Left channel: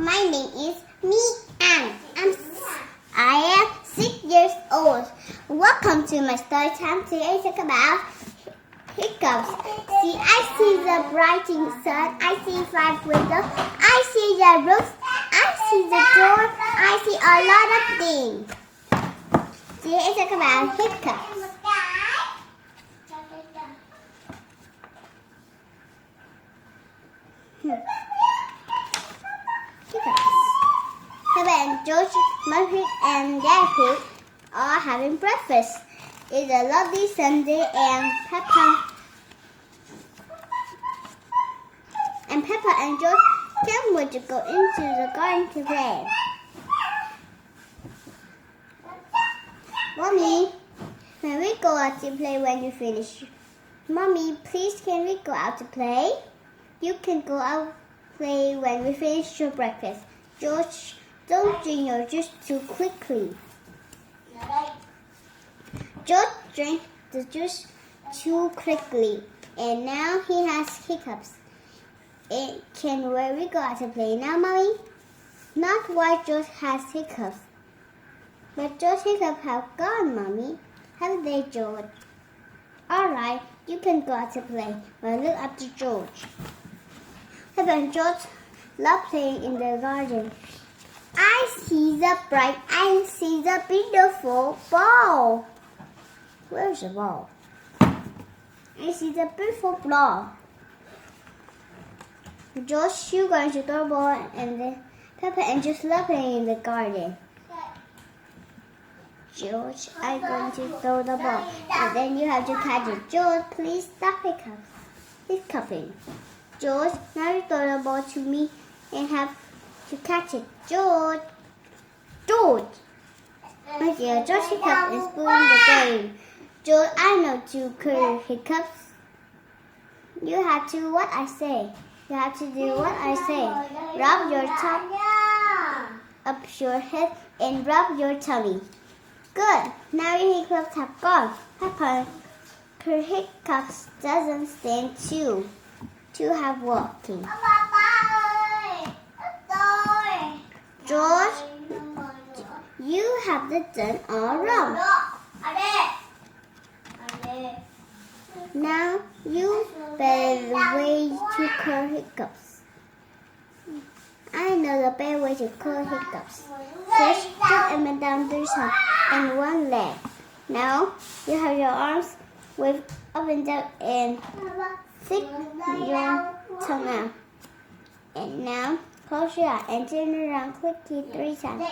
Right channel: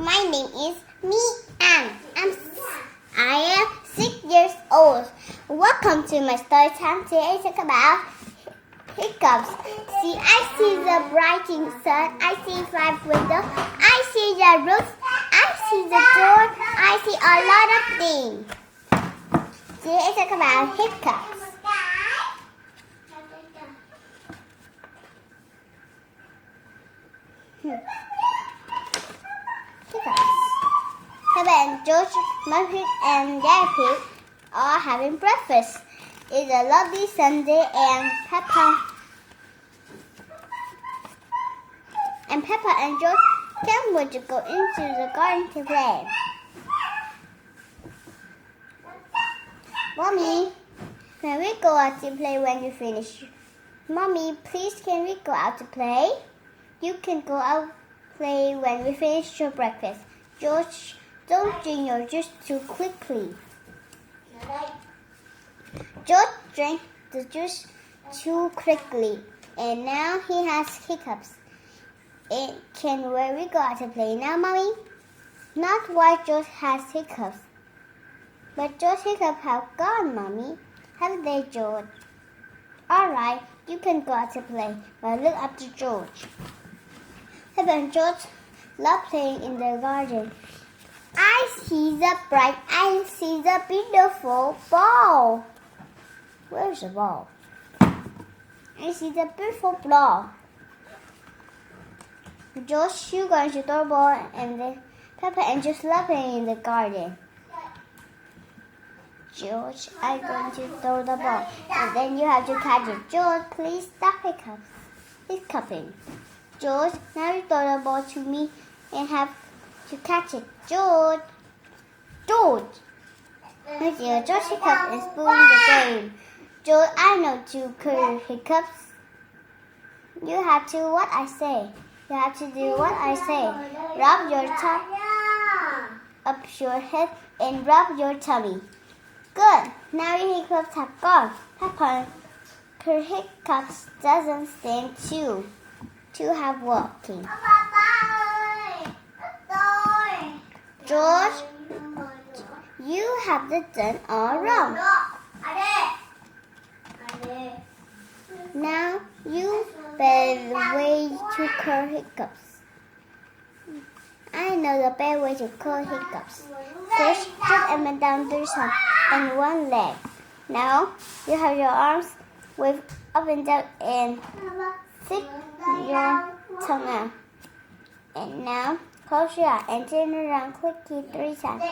My name is Anne. I am 6 years old. Welcome to my story time. Today is about hiccups. See, I see the brighting sun. I see 5 windows. I see the roofs. I see the door. I see a lot of things. Today is about hiccups. Peppa and George, Mummy and Daddy are having breakfast. It's a lovely Sunday and Peppa and George can't wait to go into the garden to play. Mommy, can we go out to play when you finish? Mommy, please can we go out to play? You can go out play when we finish your breakfast. George, don't drink your juice too quickly. George drank the juice too quickly, and now he has hiccups. Can we go out to play now, Mommy? Not while George has hiccups. But George's hiccups have gone, Mommy. Have they, George? All right, you can go out to play, but look after George. Peppa and George love playing in the garden. I see the beautiful ball. Where's the ball? I see the beautiful ball. George, you going to throw the ball, and then Peppa and George love playing in the garden. George, I'm going to throw the ball, and then you have to catch it. George, please stop hiccuping. George, now you throw the ball to me and have to catch it. George. My dear, George Hiccup is pulling the game. George, I know to cure hiccups. You have to do what I say. You have to do what I say. Rub your top up your head and rub your tummy. Good. Now your hiccups have gone. Peppa, her hiccups doesn't stand to have walking. George, you have done all wrong. Now you better way to cure hiccups. I know the better way to cure hiccups. First, put Emma down the side and one leg. Now you have your arms wave up and down and stick your tongue out. And now close your eye and turn around quickly 3 times.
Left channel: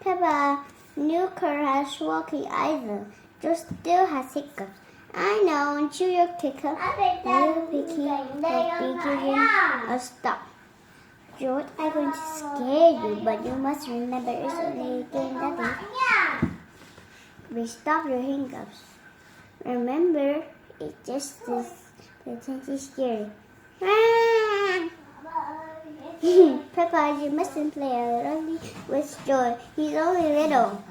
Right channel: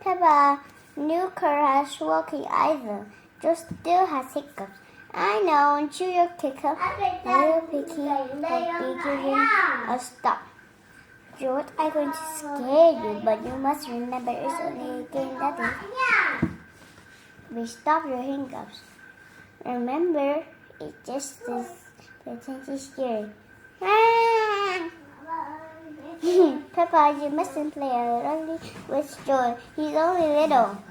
Peppa, new has walking either. George still has hiccups. I know, and chew your hiccup. Little Piggy will be giving a stop. George, I'm going to scare you, but you must remember it's only a game, Daddy. We stop your hiccups. Remember, it's just this pretend scary. Peppa, you mustn't play alone with George. He's only little.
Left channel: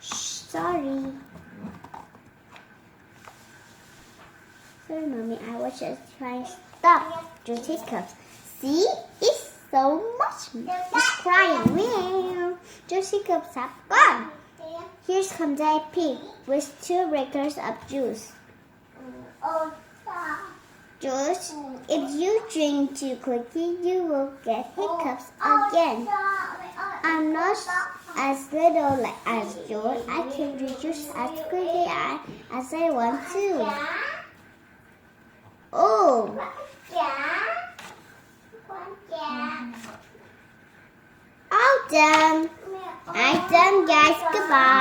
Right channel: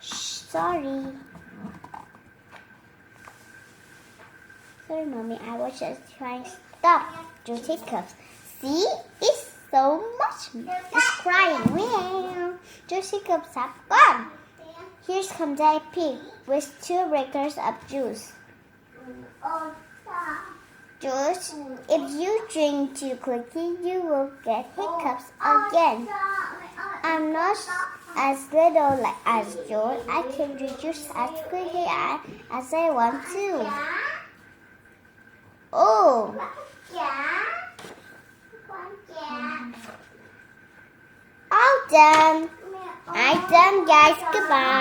Sorry. Sorry, Mommy. I was just trying to stop George's hiccups. See? It's so much. It's crying. Meow. George's hiccups have gone. Here comes Daddy Pig with 2 breakers of juice. George, if you drink too quickly, you will get hiccups again. I'm not as little as George. I can drink juice as quickly as I want to. Oh. All done. I'm done, guys. Goodbye.